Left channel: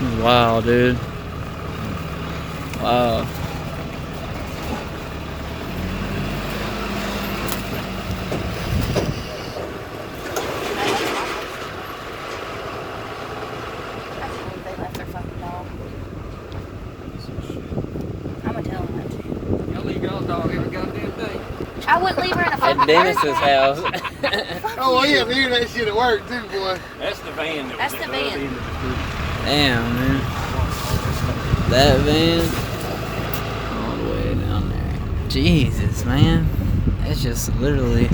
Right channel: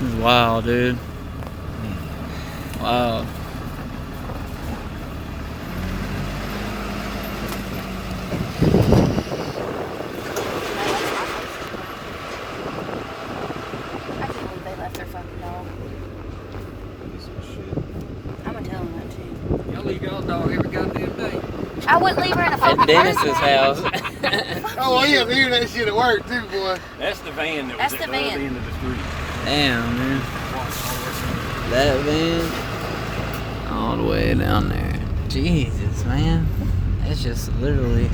This is wild, dude. Wow. I wouldn't leave her in a fucking At Dennis's house. Oh, yeah, leaving that shit at work, too, boy. That's the van that was That's at the the other van. end of the street. Damn, man. That van all the way down there. Jesus, man. It's just literally.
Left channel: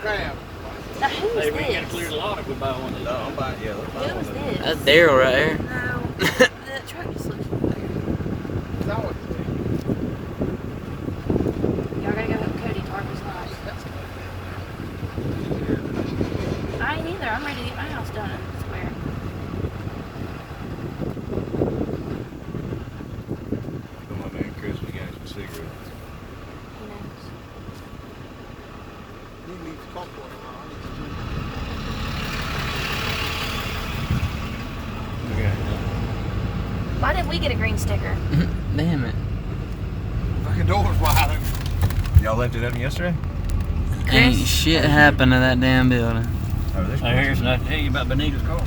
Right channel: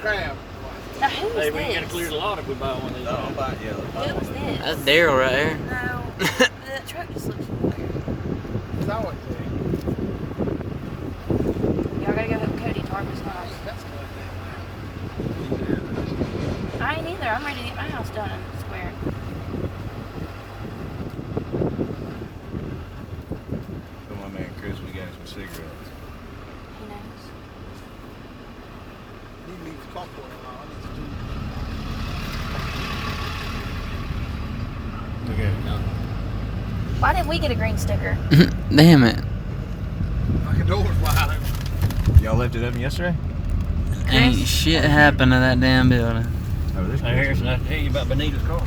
Crap. Now who's Hey, we ain't gotta this? clear the lot if we buy one of these. Who's this? That's Daryl right here. No. That truck just looks familiar. Y'all gotta go with Cody Tarver's house. I ain't either. I'm ready to get my house done and square. For my man Chris, we got some cigarettes. Who knows? We need to talk for it. Okay. Why didn't we get a green sticker? Damn it. Fucking door's wide open. Y'all left it open yesterday? Ain't shit happened to that damn building. Oh, there's nothing to tell you about Benita's car.